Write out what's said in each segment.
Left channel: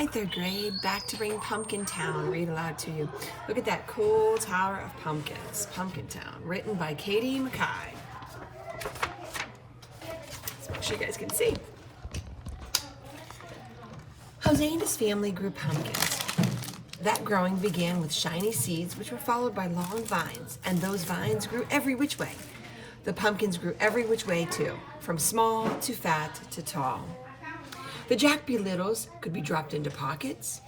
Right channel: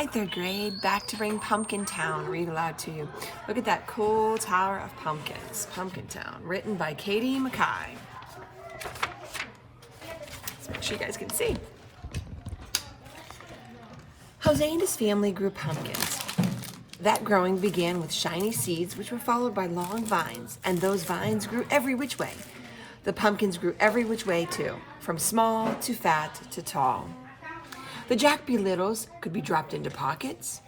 Hi, third grade. Back to bring Pumpkin Town. Read aloud to you. Look at that cool Tower of Pumpkins. Pumpkin Town, written by Katie Mackay. So make sure you guys can see. Jose and his family grew pumpkins. That growing began with shiny seeds, which were followed by long vines, and those vines grew every which way. The pumpkins grew every which way too, from small to fat to tall. The Jack Be Littles could be dropped into pockets.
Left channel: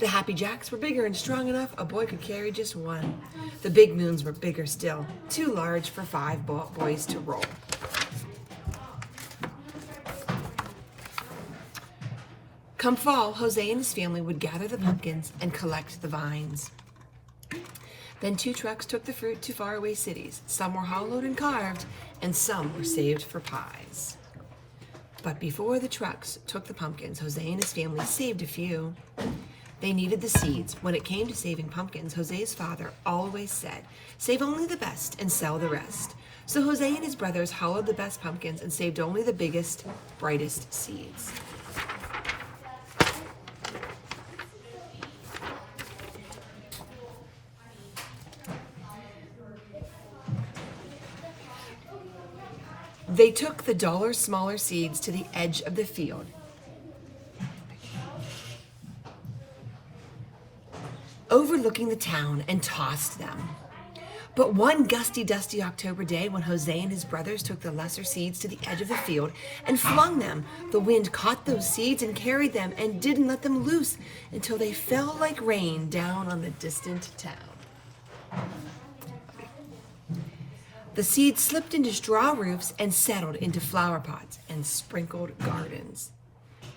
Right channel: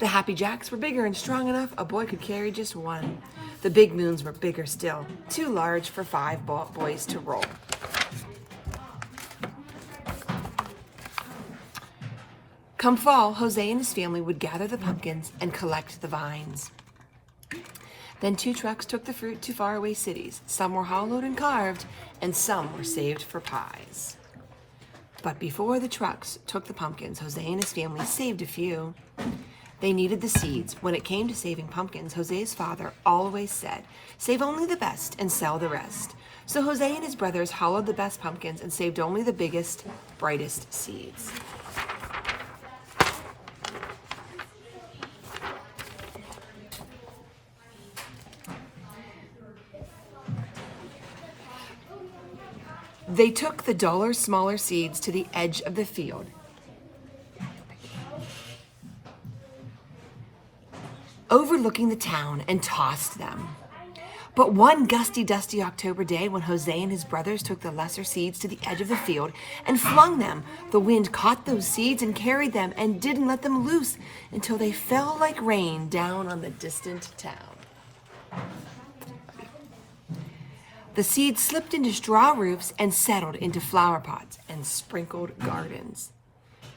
The Happy Jacks were bigger and strong enough a boy could carry just one. The Big Moons were bigger still, too large for 5 boys to roll. Come fall, Jose and his family would gather the pumpkins and collect the vines. Then 2 trucks took the fruit to faraway cities. Some were hollowed and carved, and some were saved for pies. But before the trucks took the pumpkins, Jose and his family saved a few. They needed the seeds. When it came to saving pumpkins, Jose's father always said, "Save only the best and sell the rest." So Jose and his brothers hollowed the best pumpkins and saved only the biggest, brightest seeds. They took the duller, smaller seeds to the edge of the field. Overlooking the town, and tossed them. But one gusty, dusty October day, when Jose and his brothers took the lesser seeds to the edge of the field and flung them, the wind caught those seeds and carried them and didn't let them loose until they fell like rain down on the distant town. The seeds slipped into straw roofs and settled into flower pots and sprinkled gardens.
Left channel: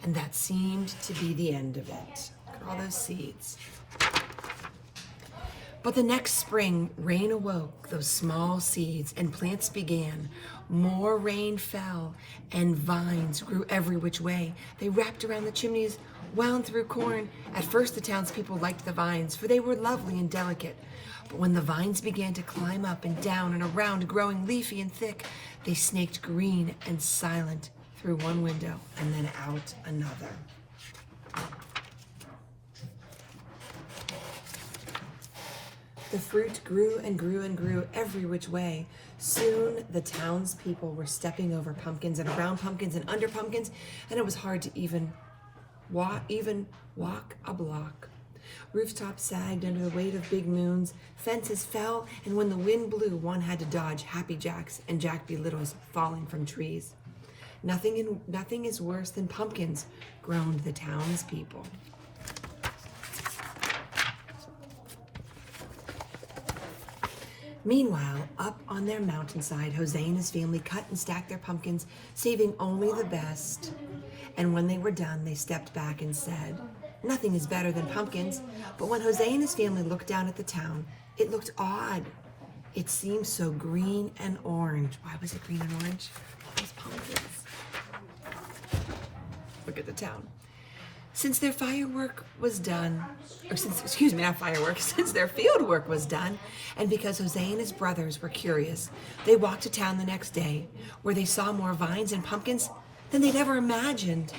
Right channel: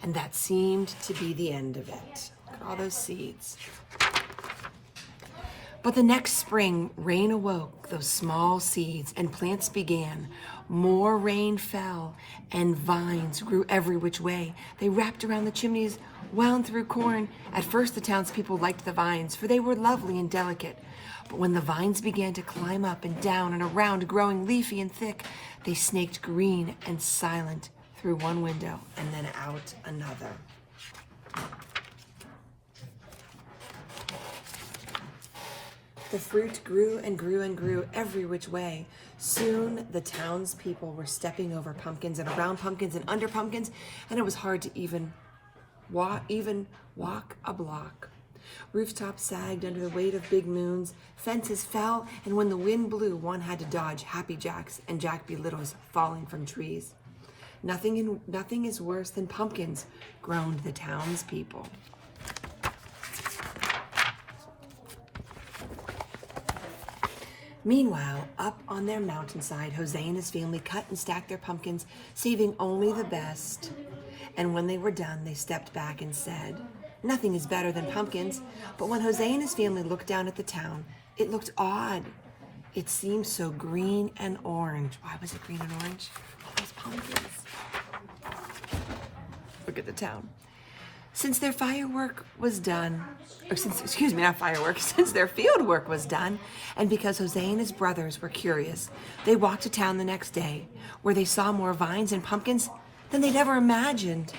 And that seemed to be the end of it. Look at all those seeds. But the next spring, rain awoke those small seeds and plants began. More rain fell and vines grew every which way. They wrapped around the chimneys, wound through corn. At first the townspeople liked the vines, for they were lovely and delicate. But when the vines began to climb up and down and around, growing leafy and thick, they snaked green and silent through one window and then out another. The fruit grew and grew and grew every which way. Soon the townspeople were stepping over pumpkins and around pumpkins and under pumpkins, and it was hard to even walk a block. Rooftops sagged under the weight of big moons, fences fell, and when the wind blew, one had to dodge Happy Jacks and Jack Be Littles falling from trees. Nothing is worse than pumpkins, groaned the townspeople. Meanwhile, up on their mountainside, Jose and his family cut and stacked their pumpkins, saving only the best. And when they were done, they stepped back and said, "Nothing is better than pumpkins." But when Jose and his family looked down at the town, it looked odd. It seemed so green and orange. Why was it green and orange? All those pumpkins. Look at the town. Since their firework was done, since their field work was done, and because Jose and his brothers were curious, they walked to town the next day, where they saw more vines and pumpkins than they'd ever imagined.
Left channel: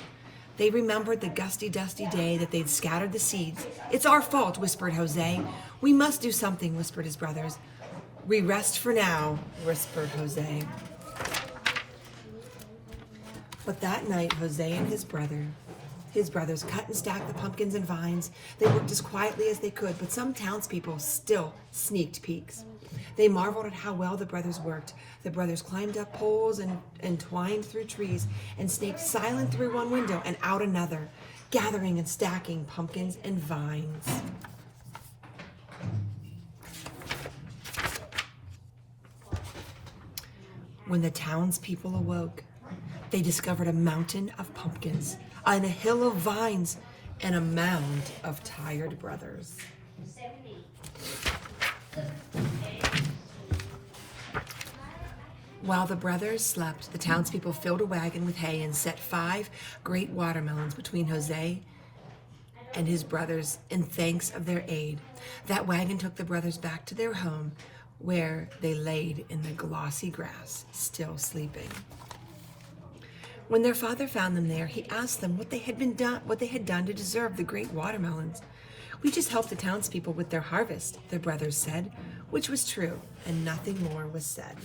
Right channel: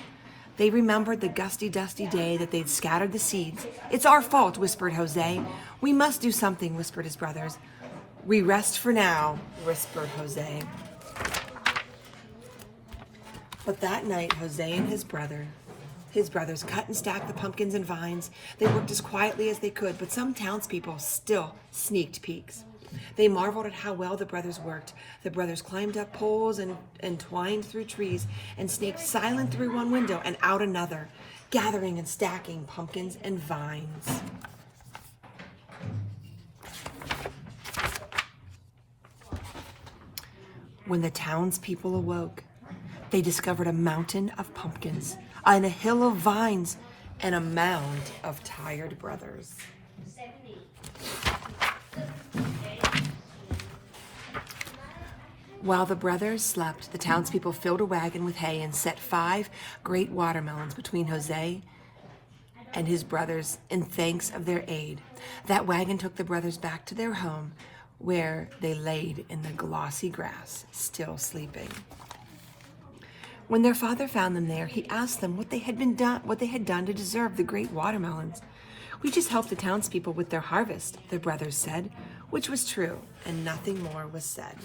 They remembered the gusty, dusty day that they'd scattered the seeds. "It's our fault," whispered Jose. "We must do something," whispered his brothers. "We rest for now," whispered Jose. But that night, Jose and his brothers cut and stacked the pumpkins and vines. They worked as quietly as they could, but some townspeople still sneaked peeks. They marveled at how well the brothers worked. The brothers climbed up poles and twined through trees and snaked silent through one window and out another, gathering and stacking pumpkins and vines. When the townspeople awoke, they discovered a mountain of pumpkins and a hill of vines and a mound of tired brothers. While the brothers slept, the townspeople filled a wagon with hay and set 5 great watermelons between Jose and his brothers in thanks of their aid. That wagon took the brothers back to their home, where they laid in the glossy grass, still sleeping. When their father found them there, he asked them what they had done to deserve the great watermelons. We just helped the townspeople with their harvest, their brothers said, which was true, and nothing more was said.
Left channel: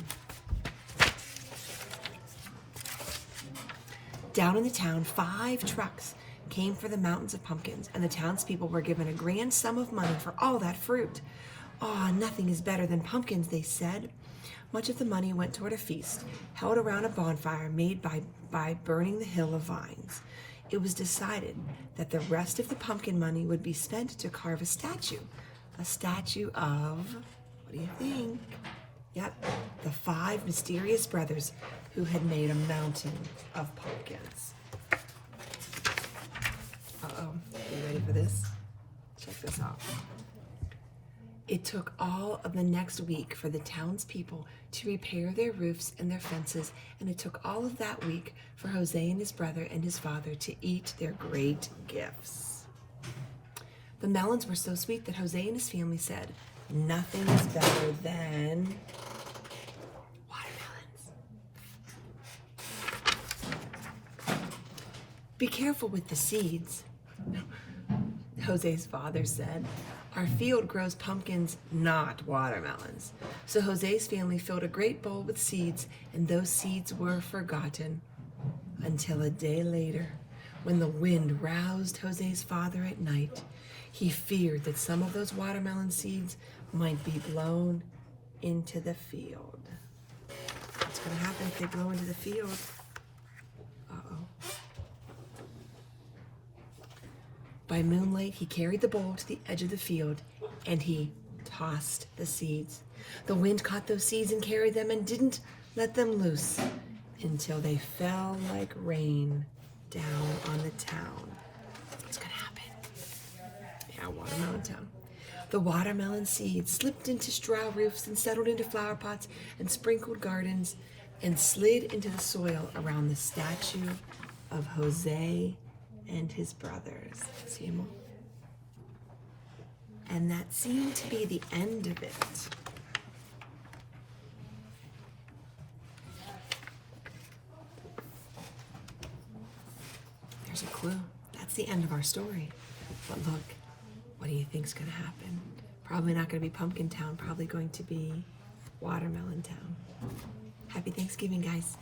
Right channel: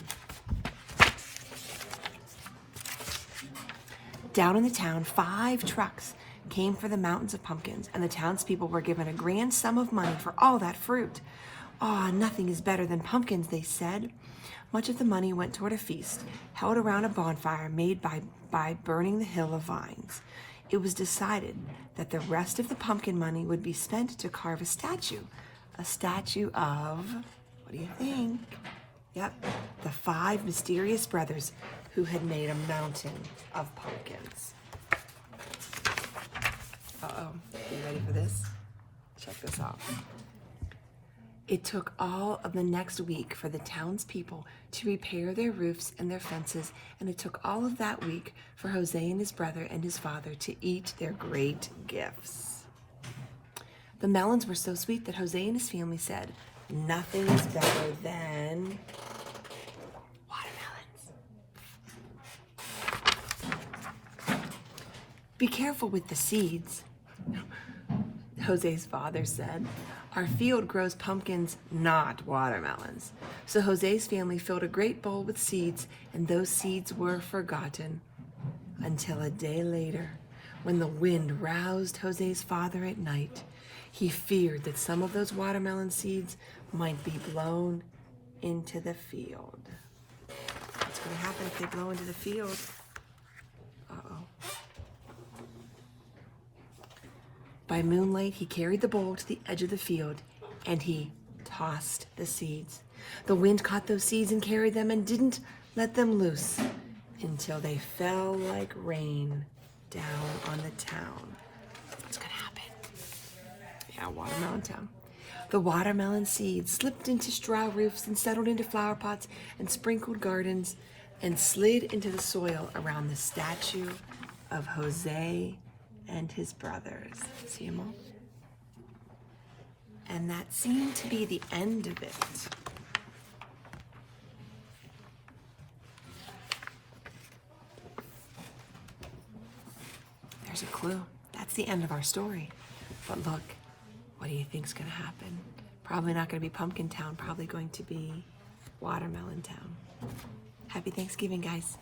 Down in the town, 5 trucks came for the mountains of pumpkins, and the townspeople were given a grand sum of money for all that fruit. "Ah, nothing is better than pumpkins," they said. Much of the money went toward a feast held around a bonfire made by burning the hill of vines. It was decided that the rest of the pumpkin money would be spent to carve a statue of, what do you think? Yep, the 5 mysterious brothers who had made a mountain of pumpkins. Uh-oh, you ready for this? Check this out. It took all of the next week for the townspeople to repair their roofs and their fences, and it took all of that week for Jose and his brother and his father to eat their great gifts. The melons were so sweet that Jose and his family said, "Nothing is better than watermelons." "Be careful with the seeds," Jose's father said. "Our field grows pumpkins, not watermelons." So Jose's family filled a great bowl with seeds, and those seeds were forgotten until a day later, when the wind roused Jose's father at night. He feared that some of those watermelon seeds might be blown into the field. What's going to happen if they blow into the field? Uh-oh. By moonlight, he carried the bowl to the edge of the field, and he tossed the seeds. The wind caught those seeds and carried them and didn't let them loose until they fell like rain down on the town. What's going to happen? Yeah, watermelon town. The watermelon seeds slipped into straw roofs and settled into flower pots and sprinkled gardens and slid into the soil around the statue of Jose and his brothers. See them all? And that seemed to be the end of it. There's a clue. That's the end of our story. But look, what do you think's going to happen? Probably not going to be Pumpkin Town, probably going to be Watermelon Town. Happy Thanksgiving, guys.